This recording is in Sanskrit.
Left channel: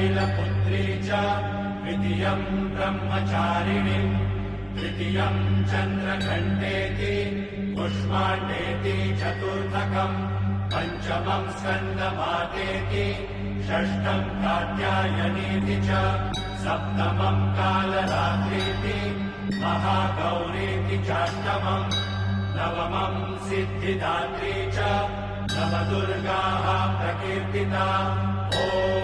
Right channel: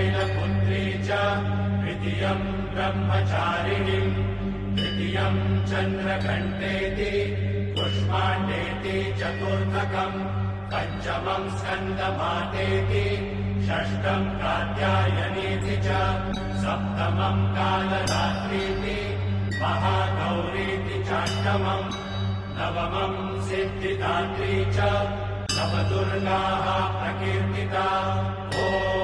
शैलपुत्री च तृतीयम् ब्रह्मचारिणी तृतीयम् चन्द्रघण्टेति कुष्माण्डेति चतुर्थकम् पञ्चमम् स्कन्दमातेति षष्ठम् कात्यायनीति च सप्तमम् कालरात्रीति महागौरीति चाष्टमम् नवमम् सिद्धिदात्री च नवदुर्गाः प्रकीर्तिता। ॐ